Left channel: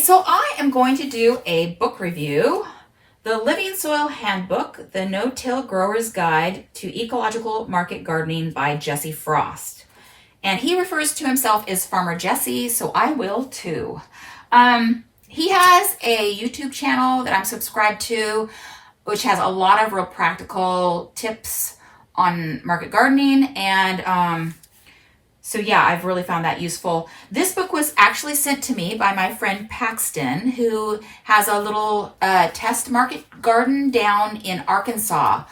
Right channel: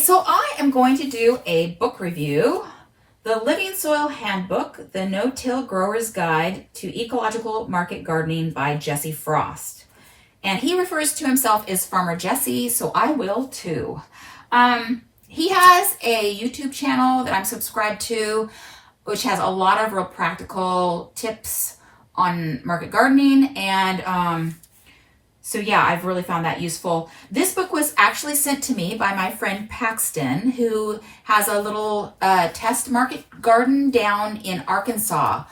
So I am going to do a book review, the Living Soil Handbook, the No-Till Grower's Guide to Ecological Market Gardening by Jesse Frost. And he refers to himself as Farmer Jesse, so I will too. He has a YouTube channel that I'm subscribed to, which has a lot of real practical tips on market gardening. And so yeah, I've really found that useful. This book was actually sent to me by my friend Paxton, who has a little test market garden down in Arkansas.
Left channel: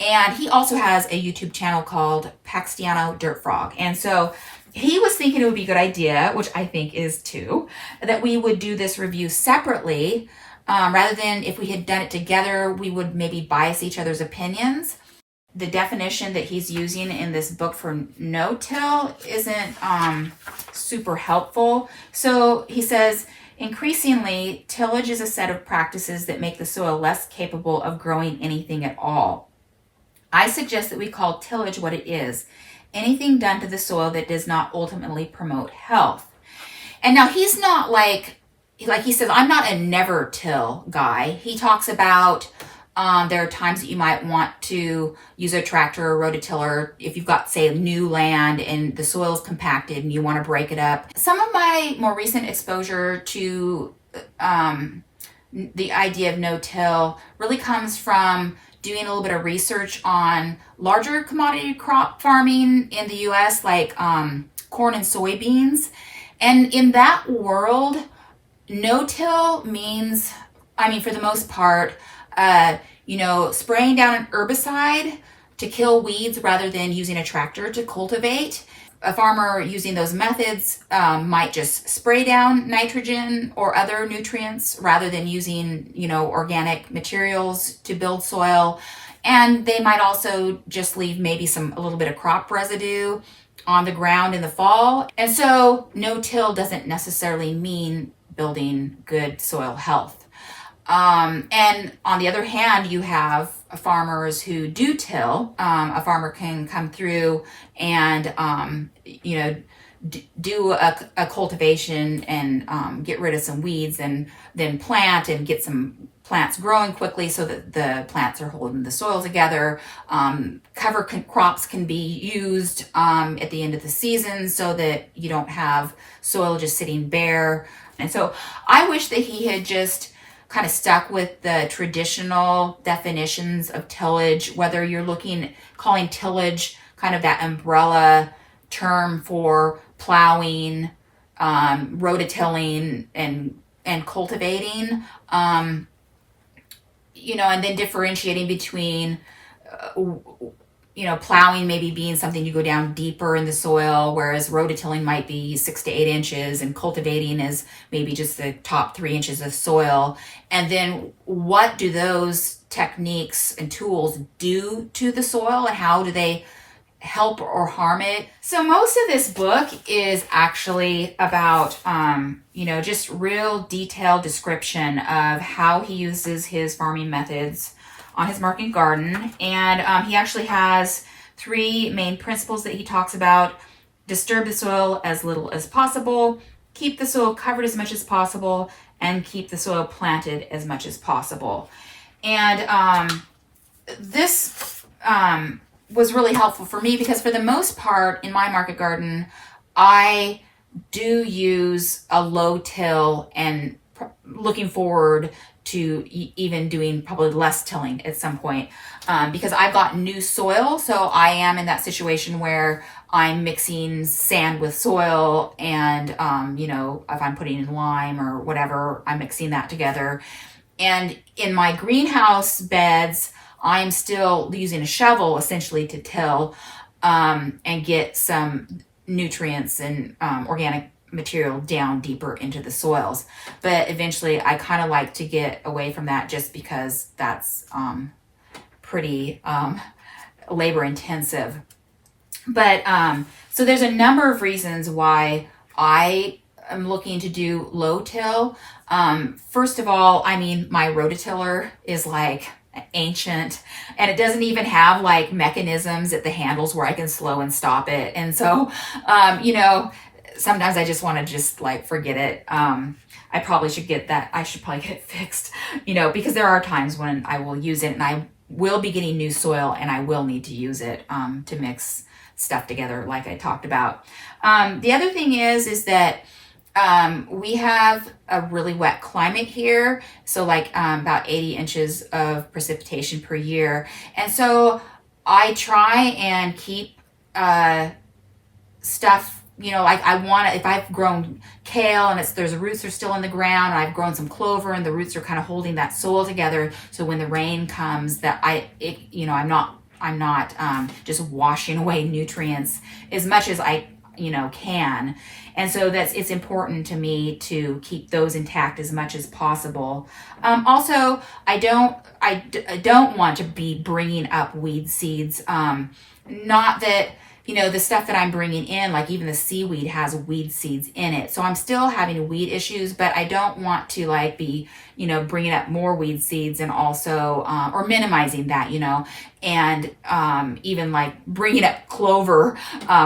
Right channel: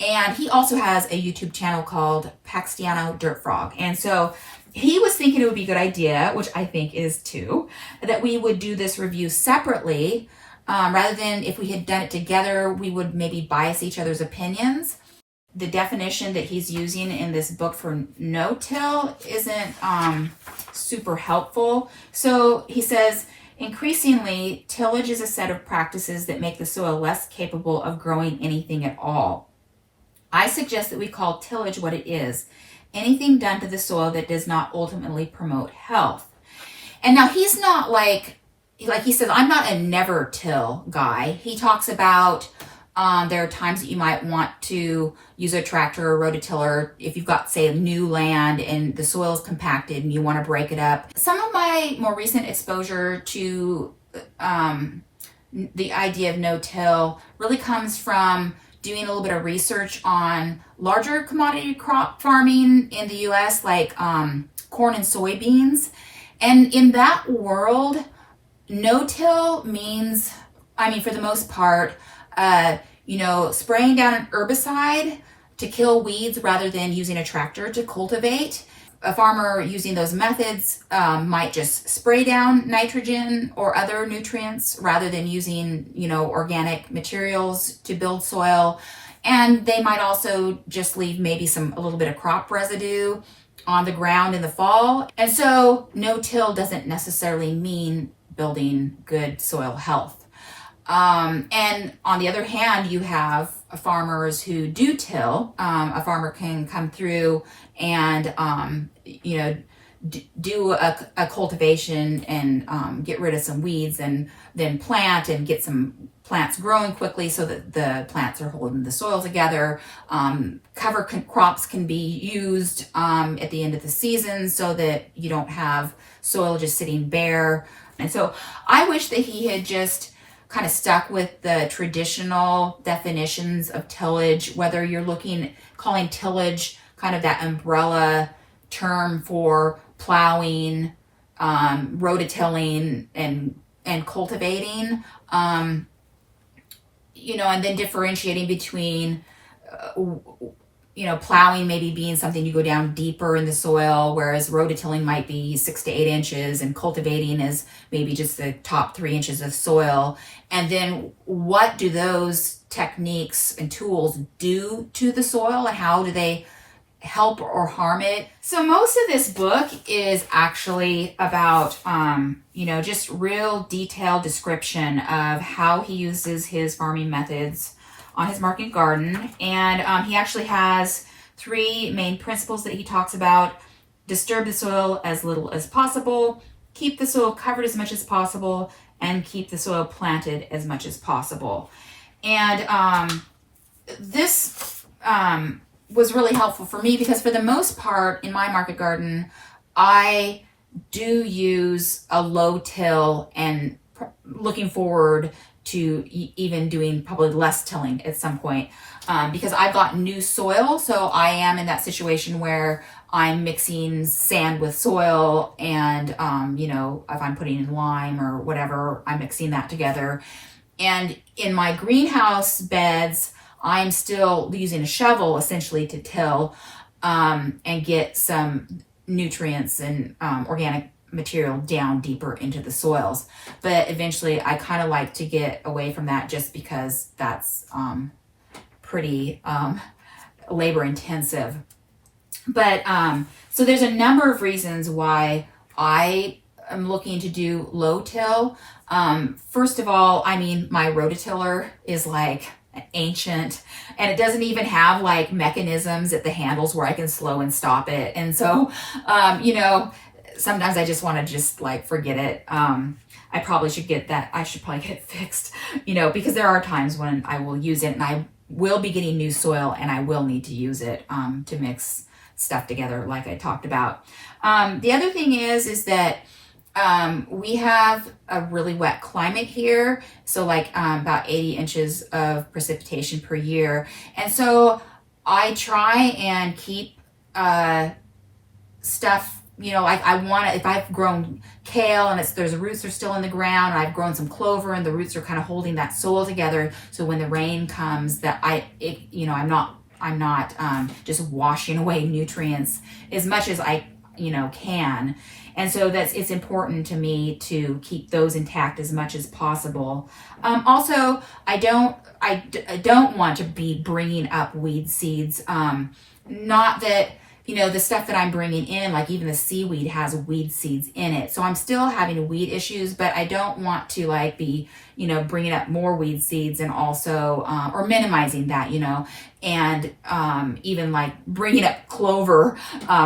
And he also has a YouTube channel called Paxtiano Dirt Frog. And so he was thinking it would be a good idea, which I think is too, that we would do this review separately. Rather than if we had done it together, we would maybe bias each other's opinions. The definition that he's using in this book for no-till isn't super helpful. So he says, increasingly, tillage is a set of practices that make the soil less capable of growing anything at all. I suggest that we call tillage what it is, anything done to the soil that does not ultimately promote health. And now he's not like he says, I'm not a never till guy. He talks about there are times that you might want to use a tractor or rototiller if you've got, say, new land and the soil is compacted and you want to break it up. Some of my more recent exposure to the idea of no-till really comes from doing a little bit of research on larger commodity crop farming in the U.S., like corn and soybeans. And in that world, no-till means, for the most part, spraying down an herbicide to kill weeds rather than using a tractor to cultivate. A farmer using those methods might just spray down nitrogen or other nutrients rather than using, organic materials to build soil. And they might also just leave maybe a little bit of crop residue on the ground in the fall. And so no-till doesn't necessarily mean building good soil health. And on the other hand, you have farmers who do till. A farmer can come through and, do a cultivation and get rid of some weeds and then plant and get some plants growing quickly so that the plants are holding the soil together. Cover crops can be used at the end of the season so that you don't have soil just sitting bare. And so I wish that he had just kind of stuck with the traditional definitions of tillage, whether you're calling tillage kind of that umbrella term for plowing, rototilling, and cultivating, and then differentiating between, plowing maybe being something you go down deeper in the soil, whereas rototilling might be 6 to 8 inches and cultivating is maybe just the top 3 inches of soil. And then what do those techniques and tools do to the soil and how do they help or harm it? So most of this book is actually about, just real detailed description of how he uses his farming methods on his market garden. And he actually has 3 main principles that he talks about: disturb the soil as little as possible, keep the soil covered as much as possible, and keep the soil planted as much as possible. And this was really helpful for me because for the most part in my market garden, I do use a low till and looking forward to even doing probably less tilling at some point because I've got new soil. So I am in that situation where I'm mixing sand with soil and, if I'm putting in lime or whatever, I'm mixing that together. And in my greenhouse beds, I'm still using a shovel essentially to till and get some nutrients and organic material down deeper into the soils. But eventually I kind of like to get away from that just because that's pretty labor intensive. But so there's a number of reasons why I am looking to do low till. First of all, my rototiller is like ancient and it doesn't even have like mechanisms at the handles where I can slow and stop it. And so, sometimes I just want to just like forget it. I probably should get that. I should probably get it fixed, because there are times when I will use it and I will be getting new soil and I will need to use it to mix stuff together like I talked about. The other thing is that we have a really wet climate here. So like about 80 inches of precipitation per year. And so I try and keep stuff, like I want to, if I've grown kale and the roots are still in the ground, and I've grown some clover and the roots are kind of holding that soil together. So when the rain comes, that I'm not just washing away nutrients as much as I, can. And so it's important to me to keep those intact as much as possible. Also, I don't want to be bringing up weed seeds. Not that, the stuff that I'm bringing in, like even the seaweed has weed seeds in it. So I'm still having weed issues, but I don't want to like be, bringing up more weed seeds and also, or minimizing that, and even like bringing up clover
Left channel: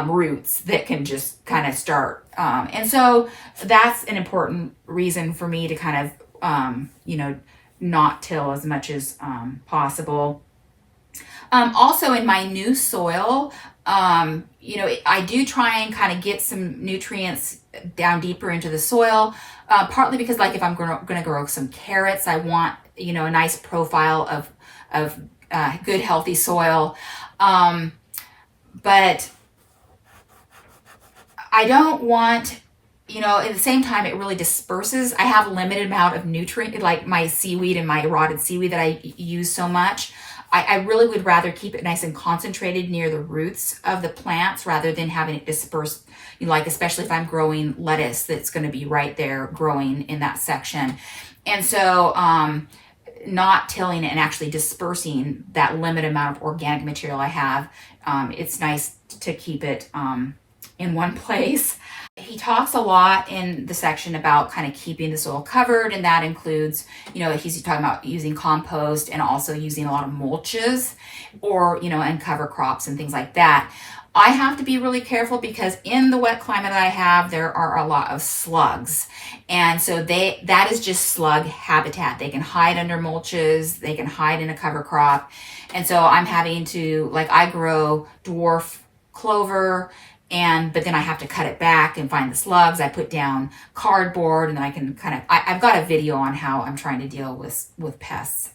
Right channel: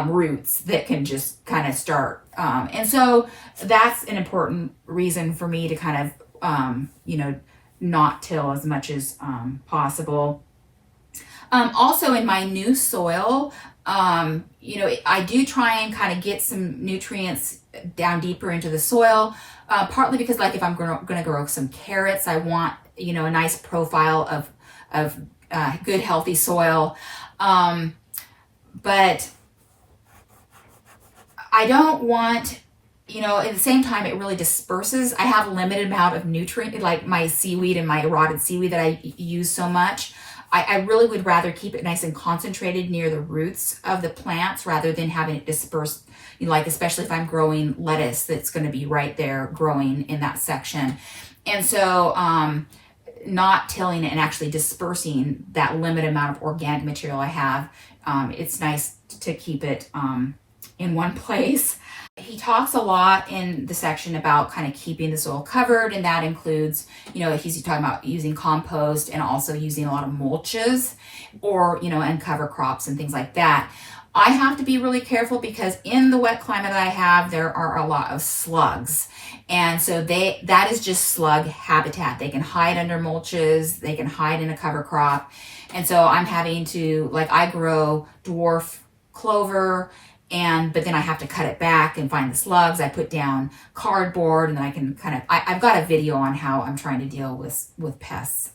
roots that can just kind of start. And so that's an important reason for me to kind of, not till as much as possible. Also in my new soil, I do try and kind of get some nutrients down deeper into the soil, partly because like if I'm going to grow some carrots, I want, a nice profile of good, healthy soil. But I don't want, at the same time, it really disperses. I have a limited amount of nutrient, like my seaweed and my rotted seaweed that I use so much. I really would rather keep it nice and concentrated near the roots of the plants rather than having it disperse, like especially if I'm growing lettuce that's going to be right there growing in that section. And so not tilling it and actually dispersing that limited amount of organic material I have, it's nice to keep it in one place. He talks a lot in the section about kind of keeping the soil covered, and that includes, he's talking about using compost and also using a lot of mulches or, and cover crops and things like that. I have to be really careful because in the wet climate I have, there are a lot of slugs. And so that is just slug habitat. They can hide under mulches, they can hide in a cover crop. And so I'm having to, like I grow dwarf clover, but then I have to cut it back and find the slugs. I put down cardboard and then I can I've got a video on how I'm trying to deal with pests.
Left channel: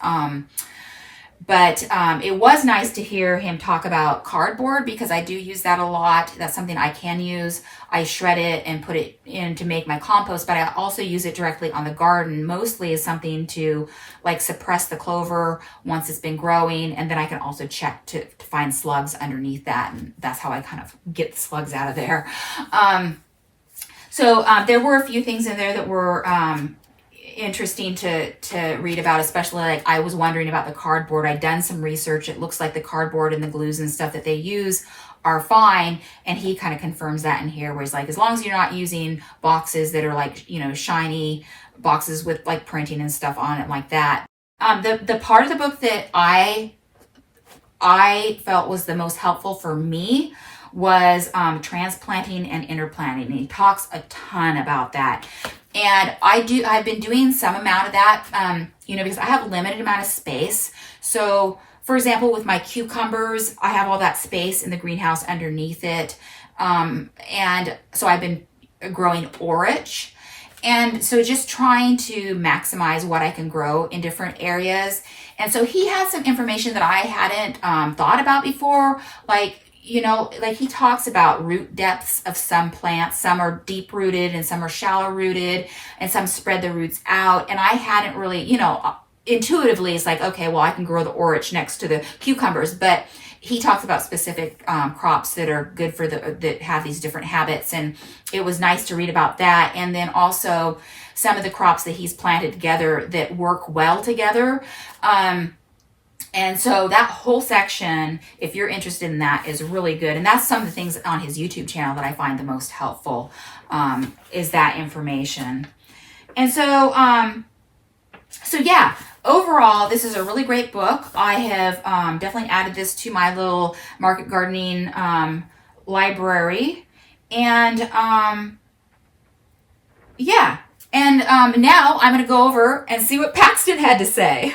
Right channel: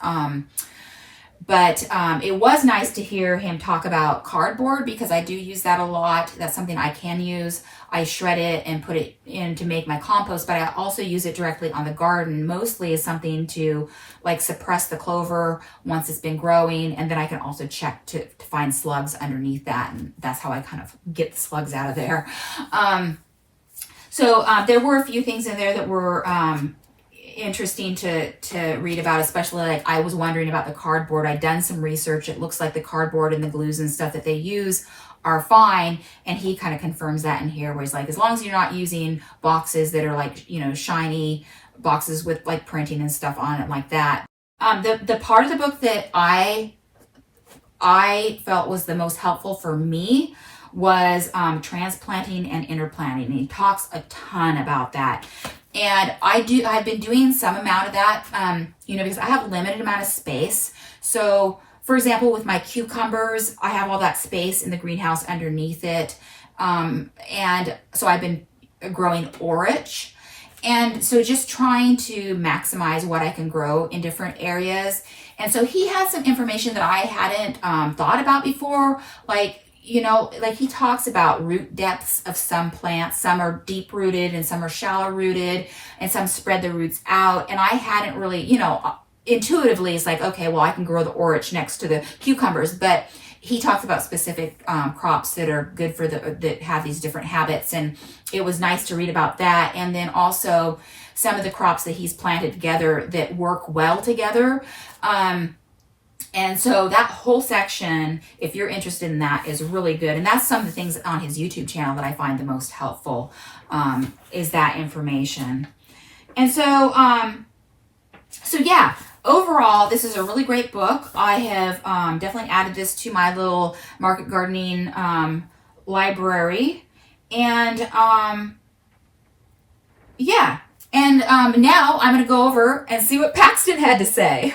But it was nice to hear him talk about cardboard because I do use that a lot. That's something I can use. I shred it and put it in to make my compost, but I also use it directly on the garden, mostly as something to like suppress the clover once it's been growing. And then I can also check to find slugs underneath that. And that's how I kind of get the slugs out of there. So there were a few things in there that were interesting to read about, especially like I was wondering about the cardboard. I'd done some research. It looks like the cardboard and the glues and stuff that they use are fine, and he kind of confirms that in here where he's like, as long as you're not using boxes that are like shiny boxes with like printing and stuff on it like that. The part of the book that I felt was the most helpful for me was transplanting and interplanting, and he talks a ton about that. And I've been doing some amount of that, because I have limited amount of space. So for example, with my cucumbers, I have all that space in the greenhouse underneath it. And so I've been growing orach. And so just trying to maximize what I can grow in different areas. And so he had some information that I hadn't thought about before, like he talks about root depths of some plants. Some are deep rooted and some are shallow rooted, and some spread the roots out. And I hadn't really, intuitively, it's like, okay, well, I can grow the orach next to the cucumbers, but he talks about specific crops that are good for that have these different habits. And it was nice to read about that. And then also some of the crops that he's planted together that work well together. And so that whole section, if you're interested in that, is really good. And that's some of the things on his YouTube channel that I find the most helpful, is that information. And so, yeah, overall, this is a really great book. I have definitely added this to my little market gardening library. And Yeah. And now I'm going to go over and see what Paxton had to say.